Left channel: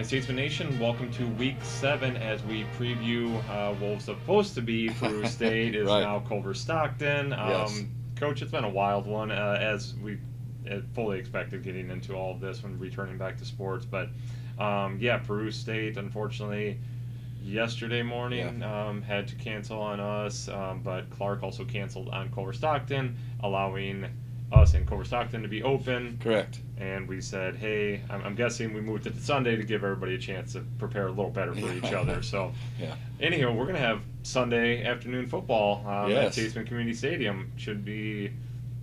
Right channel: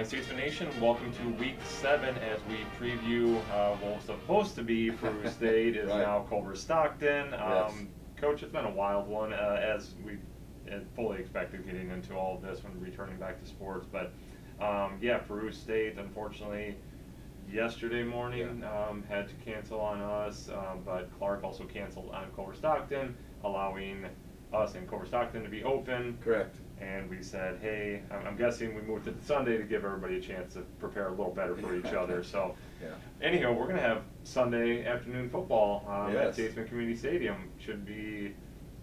Hi, Statesman Nation. Welcome to Week 7 as we preview what was supposed to be Peru State is Right. now Culver-Stockton. Yes. Coach, it's been a wild one as we fully expected getting into all of this when returning back to sports. But yeah, Peru State, unfortunately, yesterday Yeah. morning had to cancel on us, but Clark also canceled on Culver-Stockton, allowing us and Culver-Stockton to be open. Correct. And we said, hey, I'm guessing we moved it to Sunday to give everybody a chance to prepare a little better for each other. So, Yeah. anyhow, we're going to have Sunday afternoon football at Yes. Statesman Community Stadium. Should be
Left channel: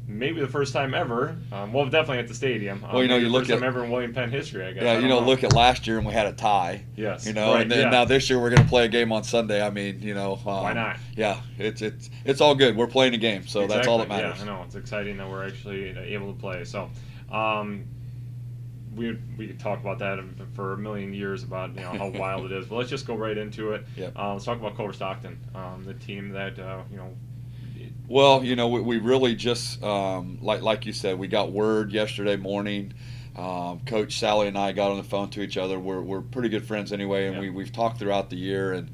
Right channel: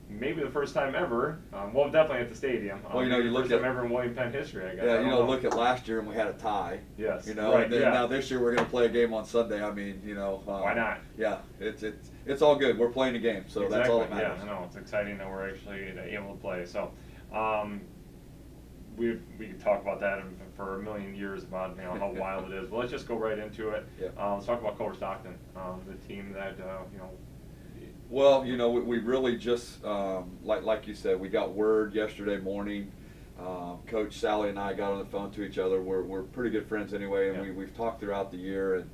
maybe the first time ever. Well, definitely at the stadium. Well, you maybe the look first at time ever in William Penn history, I guess. yeah, I don't know. look at last year and we had a tie. Yes, and then yeah. now this year we're going to play a game on Sunday. I mean, Why not? Yeah, it's all good. We're playing a game, so Exactly. that's all that matters. Yeah, I know it's exciting that we're actually able to play. So, we could talk about that for a million years about how wild it is. But let's just go right into it. Yep. Let's talk about Culver-Stockton, the team that Well, we really just like you said, we got word yesterday morning. Coach Sally and I got on the phone to each other. We're pretty good friends anyway, and Yeah. we've talked throughout the year, and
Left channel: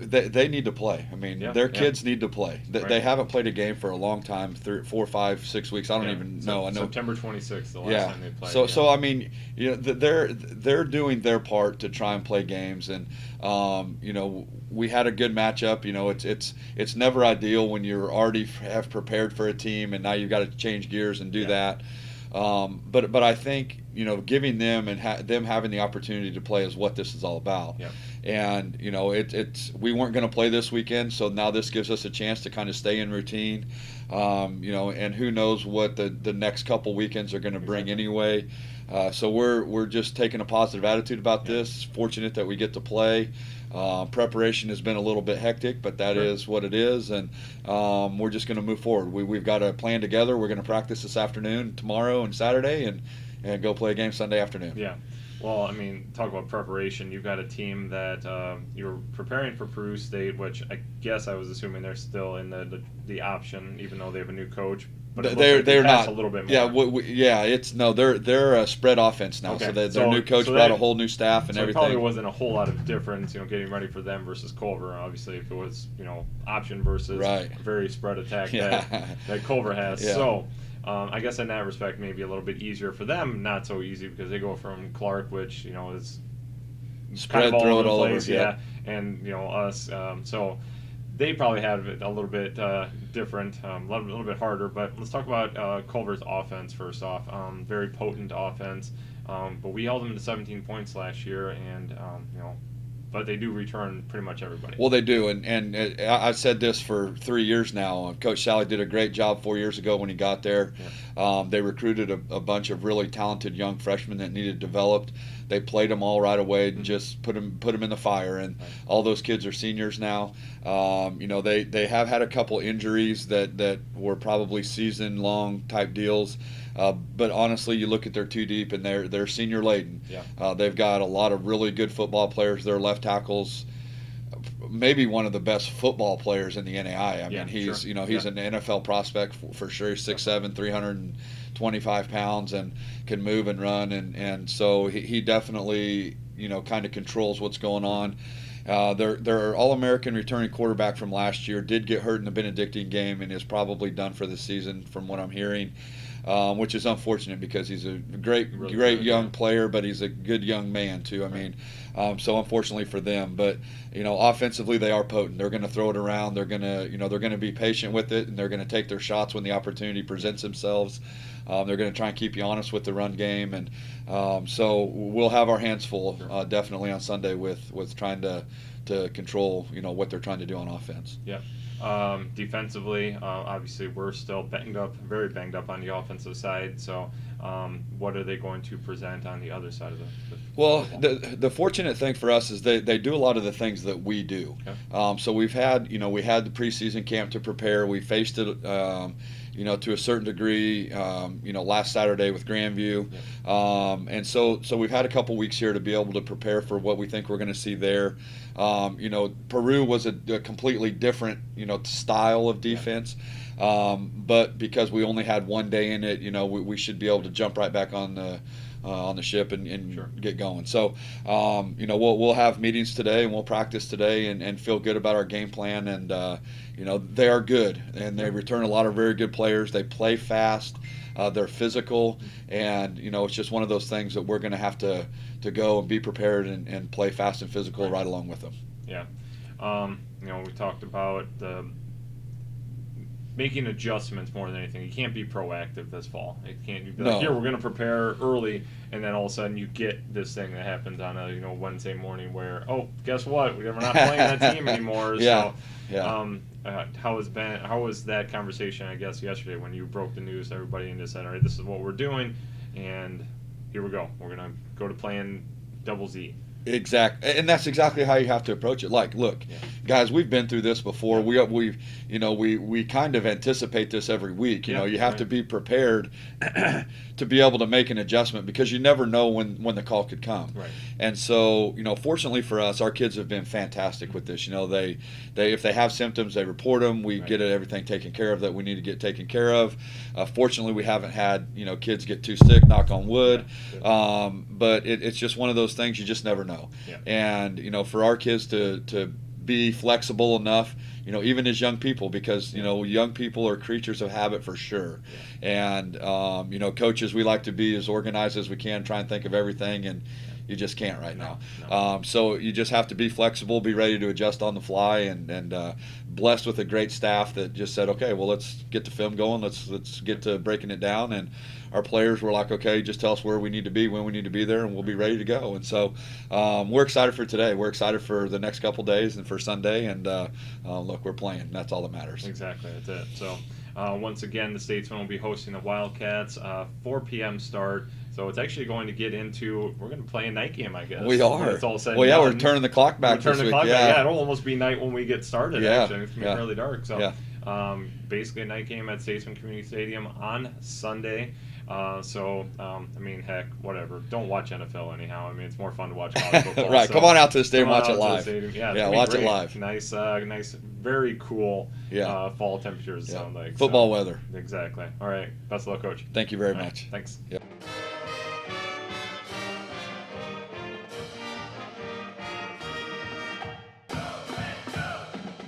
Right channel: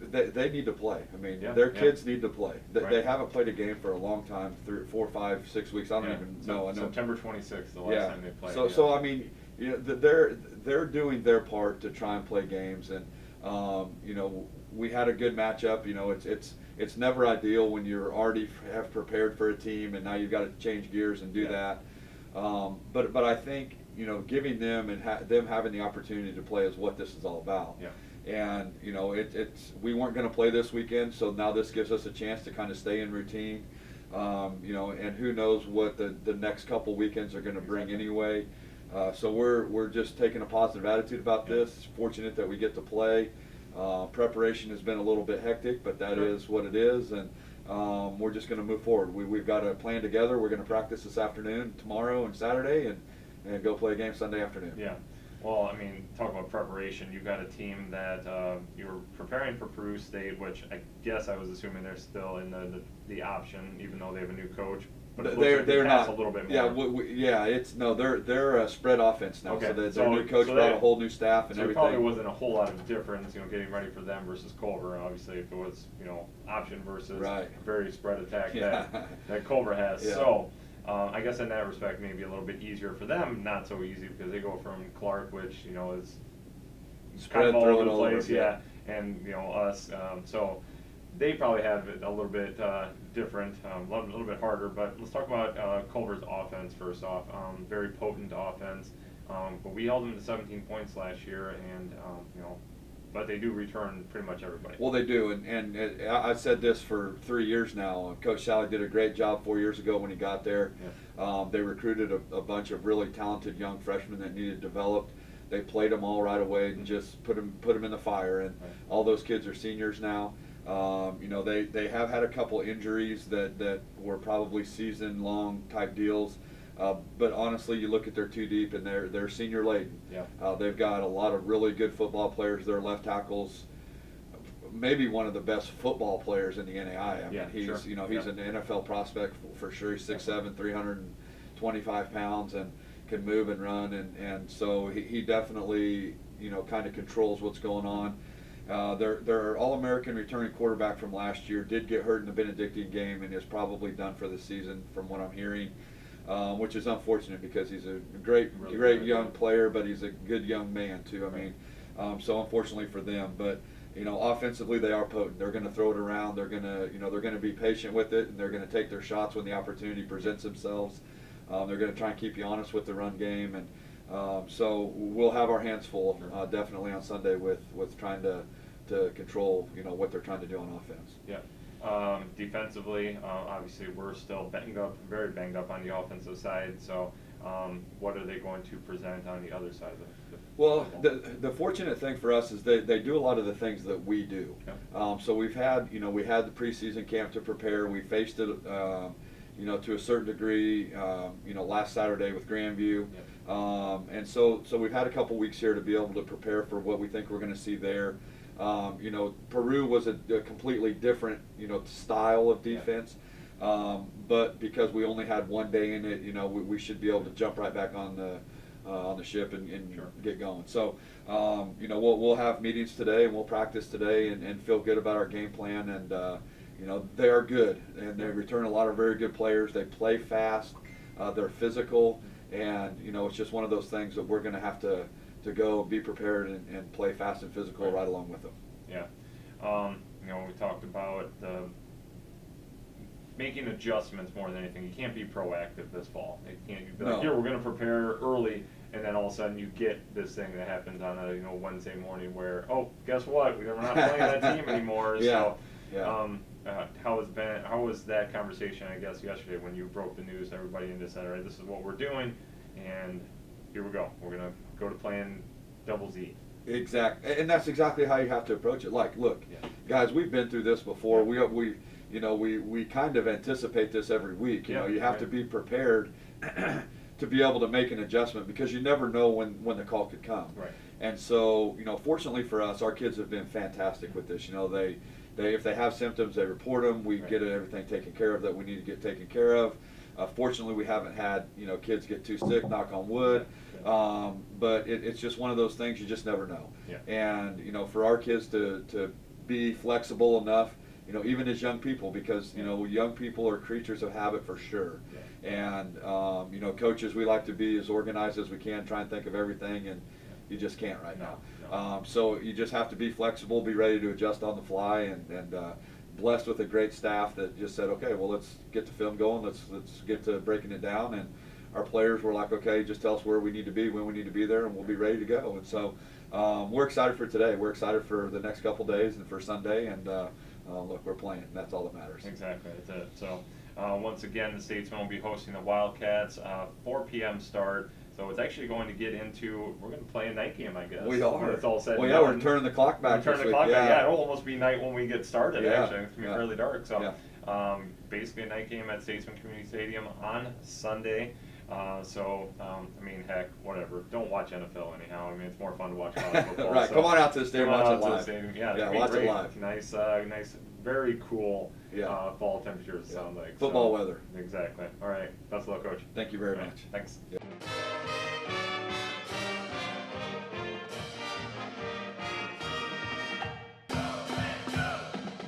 they need to play. I mean, Yeah, their yeah. kids need to play. They Right. haven't played a game for a long time, 4, 5, 6 weeks. I don't yeah, even know. I know. September 26th, the last Yeah. time they played. So I mean, they're doing their part to try and play games, and we had a good matchup. It's never ideal when you're already have prepared for a team and now you've got to change gears and do that. But I think giving them and them having the opportunity to play is what this is all about. Yeah. And it's we weren't going to play this weekend, so now this gives us a chance to kind of stay in routine. And who knows what the next couple weekends are going to bring anyway. So we're just taking a positive attitude about this. Fortunate that we get to play. Preparation has been a little bit hectic, but that is what it is, and we're just going to move forward. We've got a plan together. We're going to practice this afternoon, tomorrow, and Saturday, and go play a game Sunday afternoon. Yeah. Well, I mean, talk about preparation. You've got a team that you're preparing for Peru State, which I guess I was assuming they're still in the option, even though they have a new coach. But it looks like they They're pass not a little bit more. Yeah, they're a spread offense now. Okay. So their So- new coach so brought that- a whole new staff and So it everything. probably wasn't a whole lot of difference, getting ready for them versus Culver. Obviously, if it was, option versus Right. very spread attack Yeah. that Culver has. Yeah. So, I guess in that respect, maybe a little bit easier for them. Not so easy because they go from Clark, which is Spread, kind of throw it the all over. place, and us. So they probably have it a little bit different, a little bit harder. But let's talk about Culver's offense first off. Very potent offense, but we held them to 17 points last year, and but they do return pretty much everybody. Well, they do, and I've said this for 3 years now. Coach Sally did a great job 4 years ago when he got there. Yeah. They recruited a bunch of really talented young freshmen that needed developed. They played them all right away and just put them in the fire. And all those kids are seniors now. They have had a couple injuries that were probably season long type deals. But honestly, you look at their two deep and they're senior laden. Yeah. They've got a lot of really good football players. Their left tackles, maybe one of the best football players in the NAI. I mean, he's sure. he's an NFL prospect for sure. He's 6'7", 325 pounds, and can move and run, and so he definitely kind of controls what's going on. Their All-American returning quarterback from last year did get hurt in the Benedictine game and is probably done for the season, from what I'm hearing. Which is unfortunate because he's a great young player, but he's a good young man too. I mean, so unfortunately for them, but offensively they are potent. They're going to throw it around. They're going to they're going to be patient with it, and they're going to take their shots when the opportunity presents themselves. They're going to try and keep you honest with the run game, and so we'll have our hands full definitely on Sunday with trying to control what they're trying to do on offense. Yep. Defensively, obviously we're still very banged up on the offensive side. So, what are they going to present on the other side of the Well, football? the fortunate thing for us is they do a lot of the things that we do. Yep. So we had the preseason camp to prepare. We faced it, to a certain degree, last Saturday with Grandview. Yep. And so we've had a couple weeks here to be able to prepare for what we think we're going to see there. Peru was a completely different, style of defense. But because we only had one day in it, we should be able to jump right back on on the ship and Sure. get going. So, we'll have meetings today and we'll practice today and feel good about our game plan. And they are good and they return a lot of very good players. They play fast, they're physical, and it's just one of those things that we're going to have to go and be prepared and play fast and physical right along with them. Yeah. We talked about making adjustments more than anything. You can't be proactive this fall. It can't be like, here, we're going to prepare early, and then all of a sudden you get this thing that happens on a Wednesday morning where, oh, guess what? We're not playing that team anymore. Yeah. So, how was that conversation, I guess, yesterday when you broke the news to everybody and just said, all right, this is what we're doing, and here we go. We're going to go to playing double Z. And that's exactly how you have to approach it. Like, look, guys, we've been through this before. We kind of anticipate this every week. You have to be prepared to be able to make an adjustment because you never know when the call could come. Right. And so, fortunately for us, our kids have been fantastic with this. They if they have symptoms, they report them. We get everything taken care of that we need to get taken care of. Fortunately, we haven't had kids get too sick. Knock on wood. But it's just one of those things you just never know. Yeah. And for our kids to be flexible enough, even as young people, because young people are creatures of habit for sure. Yeah. And coaches, we like to be as organized as we can, try and think of everything, and you just can't right now. No. So you just have to be flexible, be ready to adjust on the fly, and blessed with a great staff that just said, okay, well, let's get the film going, let's get to breaking it down. And our players were like, okay, just tell us where we need to be, when we need to be there, and we'll be ready to go. And so we're excited for today. We're excited for the next couple days and for Sunday. And look, we're playing. That's all that matters. Exactly, that's it. So once again, the Statesman will be hosting the Wildcats, 4 p.m. start. So it's actually going to get into, we're going to play a night game, I guess. We are. It's all said well, yeah, we're turning the clock back this week. Yeah, it'll almost be night when we get started, actually. It's going to be fairly dark. So basically a night game at Statesman Community Stadium on Sunday. Heck, whatever. Don't watch NFL anyhow. It's more fun to watch college football. Right, so come on out to the stadium, watch it live. Yeah, watch great. it live. Nice, very cool fall temperatures, it sounds like. Football weather. Exactly. All right. Best of luck, Coach. Thank you very much. Thanks. Yep.